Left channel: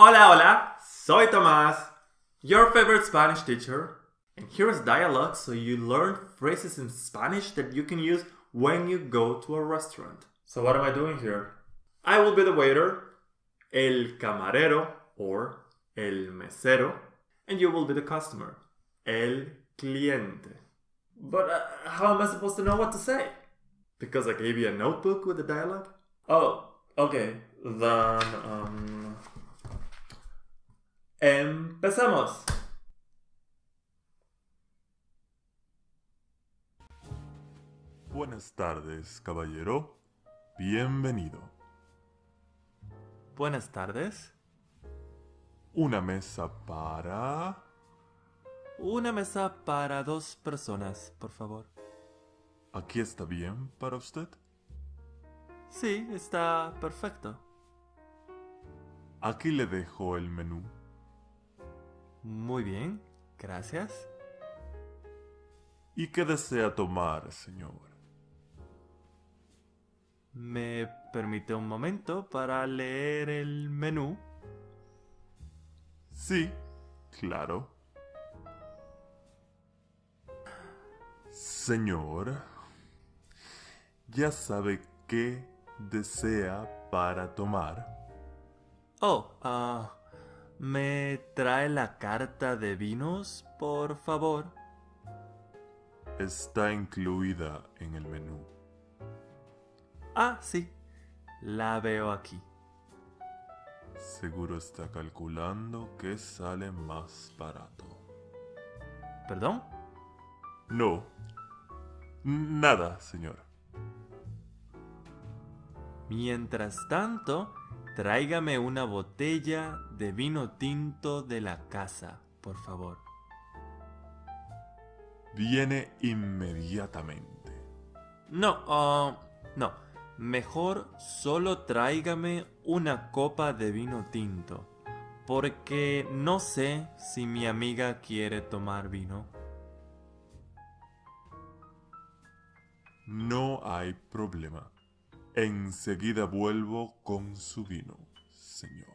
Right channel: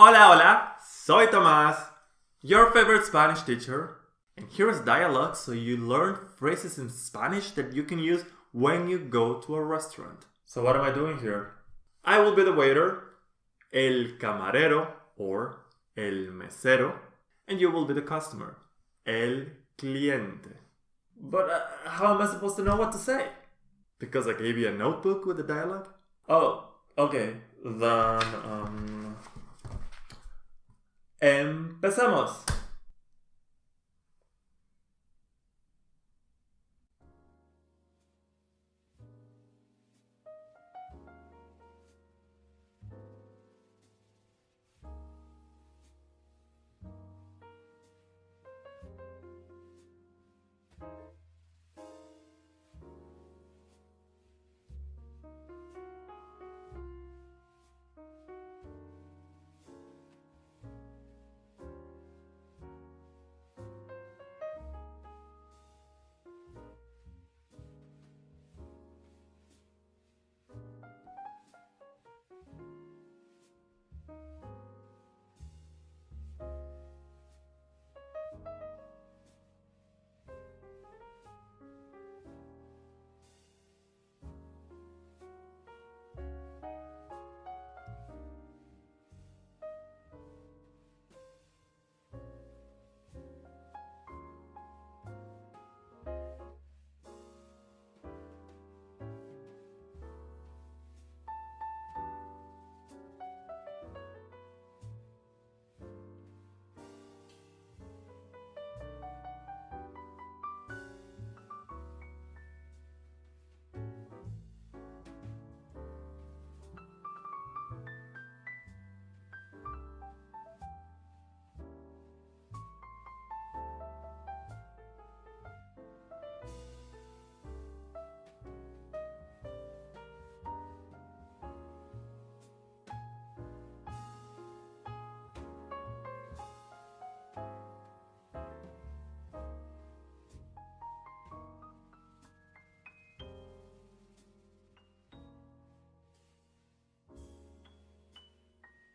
Hola, hola, soy Tomás, your favorite Spanish teacher, and here's dialogue so you learn phrases in Spanish that you can use when you go to a restaurant. So, what am I doing here? I will be the waiter, el camarero, or el mesero, and you will be the customer, el cliente. But how am I supposed to know what to say? Because I gave you a notebook with the dialogue? Oh, okay, then, empezamos. Buenas tardes, caballero. Bienvenido. Buenas tardes. Una mesa para... Una mesa para dos personas, por favor. ¿Aquí está bien para usted? Sí, está perfecto. Aquí le dejo el menú. Muy bien, gracias. ¿Y qué desea tomar, señor? ¿Me permite un momento para leer el menú? Sí, claro. Señor, ¿ya sabe qué desea para tomar? Oh, ¿me trae la carta de vinos, por favor? Está incluida en el menú. Ah, sí, la veo aquí. Seguro está calculando que sale más barato. ¿Perdón? No. Nada, señor. Mientras tanto, tráigame una botella de vino tinto de la casa, por favor. Viene inmediatamente. No. Mejor solo tráigame una copa de vino tinto, porque no sé si mi amiga quiere tomar vino. No hay problema. Enseguida vuelvo con su vino, señor.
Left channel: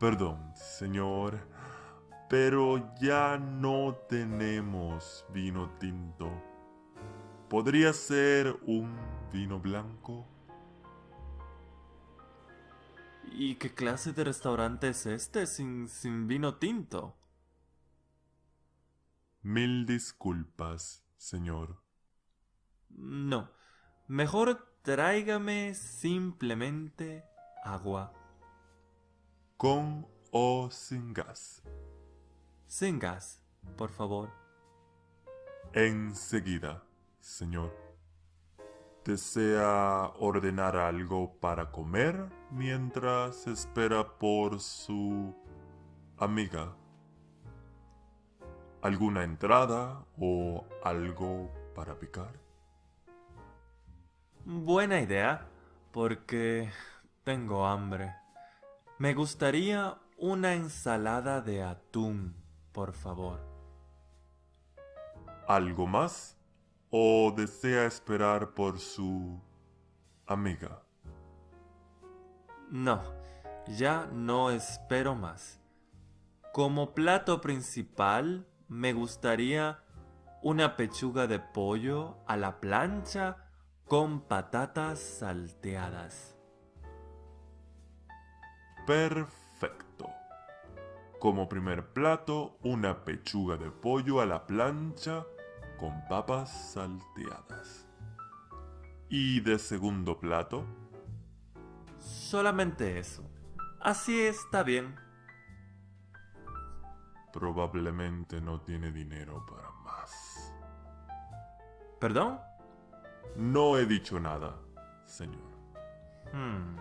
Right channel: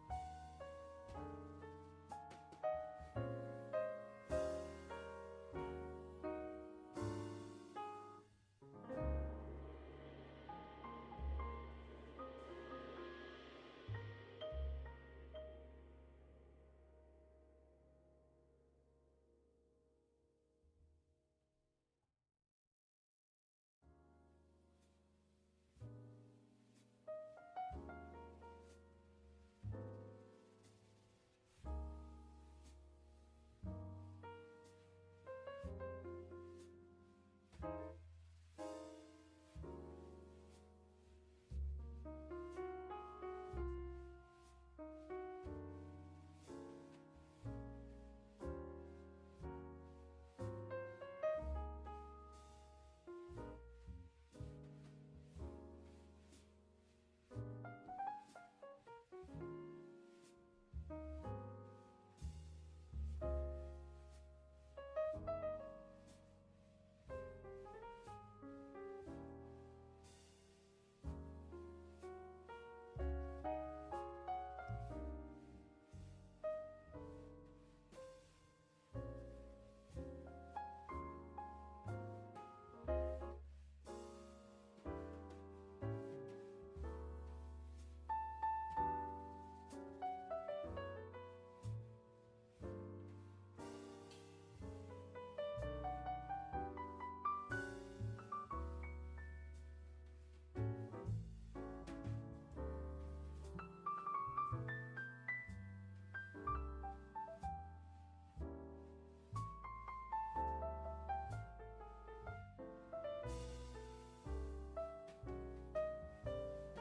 Perdón, señor, pero ya no tenemos vino tinto. ¿Podría ser un vino blanco? ¿Y qué clase de restaurante es este sin vino tinto? Mil disculpas, señor. No, mejor tráigame simplemente agua. ¿Con o sin gas? Sin gas, por favor. Enseguida, señor. ¿Desea ordenar algo para comer mientras espera por su amiga? ¿Alguna entrada o algo para picar? Buena idea, porque tengo hambre. Me gustaría una ensalada de atún, por favor. ¿Algo más? ¿O desea esperar por su amiga? No, ya no espero más. Como plato principal, me gustaría una pechuga de pollo a la plancha con patatas salteadas. Perfecto. Como primer plato, una pechuga de pollo a la plancha con papas salteadas. Y de segundo plato, Solamente eso. Así está bien. probablemente no tiene dinero para más. ¿Perdón? No he dicho nada, señor. Hmm.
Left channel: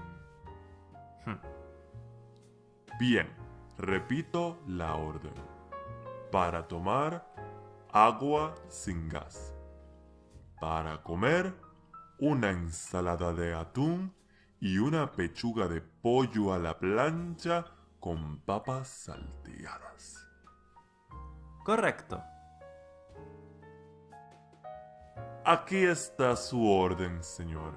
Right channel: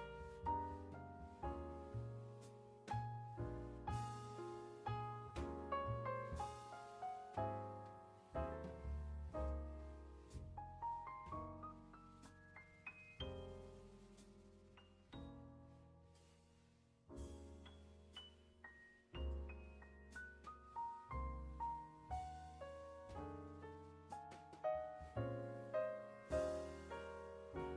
Hmm. Bien, repito la orden. Para tomar, agua sin gas. Para comer, una ensalada de atún y una pechuga de pollo a la plancha con papas salteadas. Correcto. Aquí está su orden, señor.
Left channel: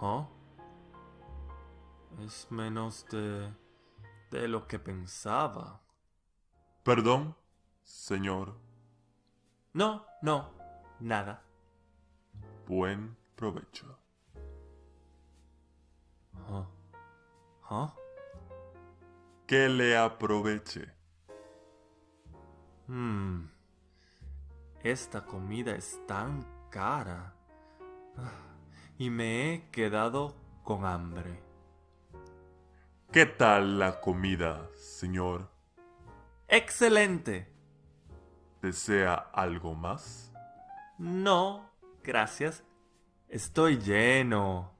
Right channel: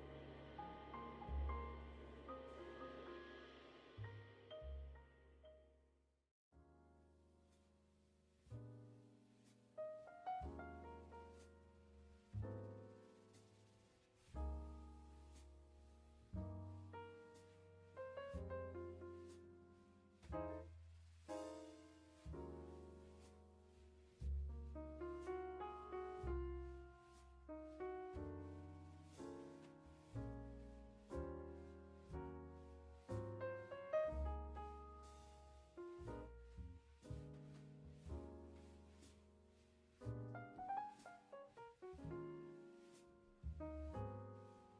¿Ah? Es menos de lo que pensaba. Perdón, señor. No, nada. Buen provecho. ¿Ah? ¿Ah? Que le aproveche. Esta comida es tan cara. Y me he quedado con hambre. ¿Qué tal la comida, señor? ¡Excelente! ¿Desea algo más? No, gracias. Estoy lleno.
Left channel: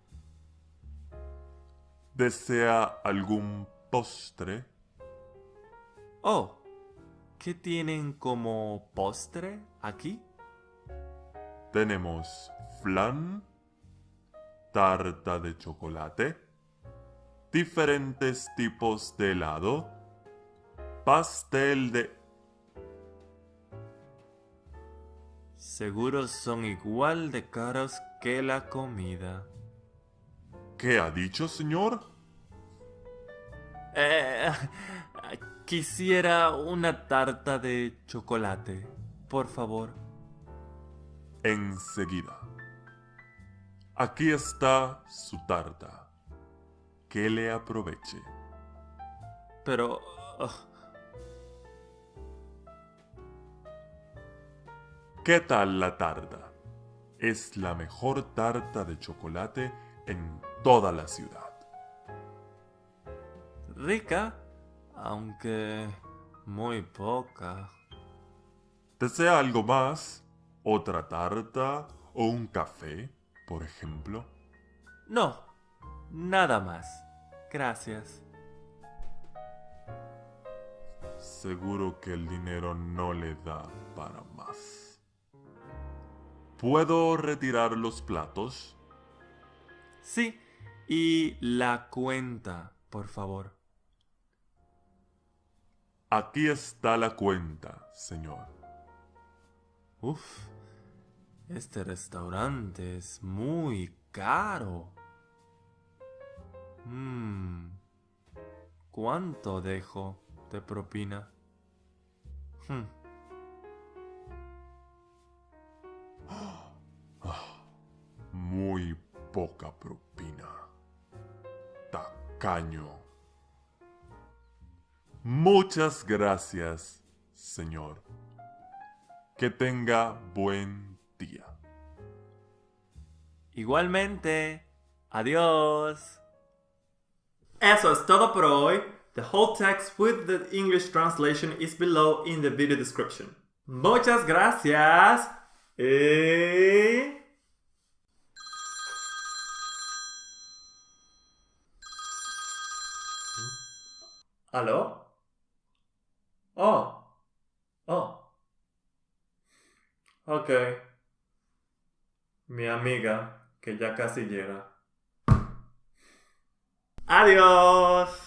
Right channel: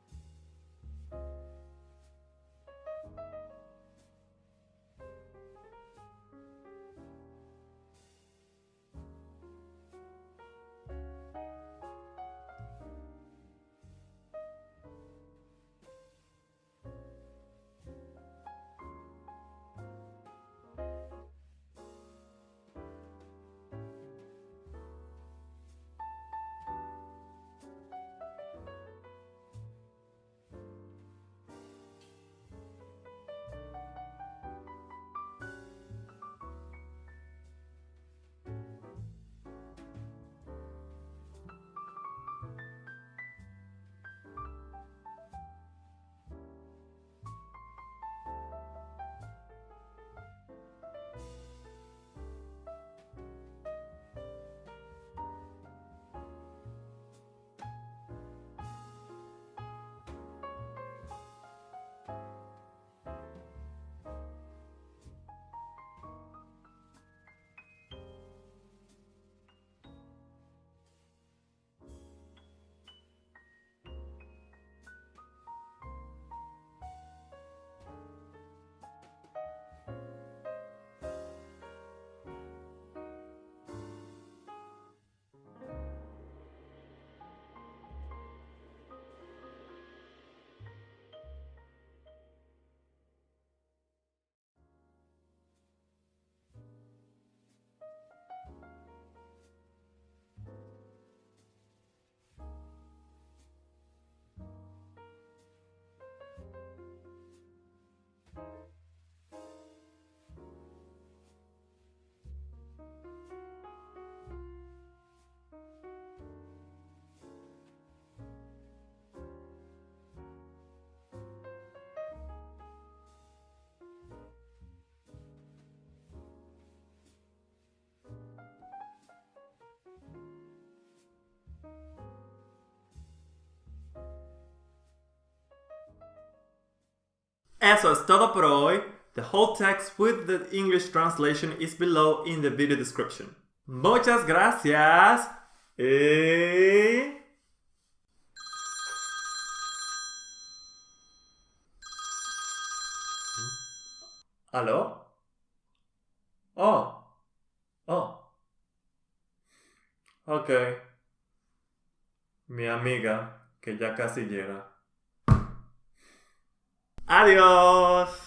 ¿Desea algún postre? Oh, ¿qué tienen como postre aquí? Tenemos flan, tarta de chocolate, diferentes tipos de helado, pastel de... Seguro son igual de caros que la comida. ¿Qué ha dicho, señor? Eh, Quisiera una tarta de chocolate, por favor. Enseguida. Aquí está su tarta. Que le aproveche. Pero... ¿Qué tal la tarta? Es la mejor tarta de chocolate en toda la ciudad. rica, aunque muy poca. ¿Desea algo más? ¿Otra tarta o un café, por ejemplo? No, nada más. Gracias. Seguro que el dinero no le da para más. ¿Puedo retirar los platos? Sí, y la cuenta, por favor. Aquí está la cuenta, señor. Uf, este restaurante es muy caro. ¿Cuánto dejo de propina? Muy poca propina. Tacaño. Muchas gracias, señor. Que tenga buen día. Igualmente. Adiós. Eso es todo por hoy. The whole text with the English translation is below in the video description. Muchas gracias. ¿Aló? Oh. Oh. Ok. Mi amiga, que ya casi llega. Adiós.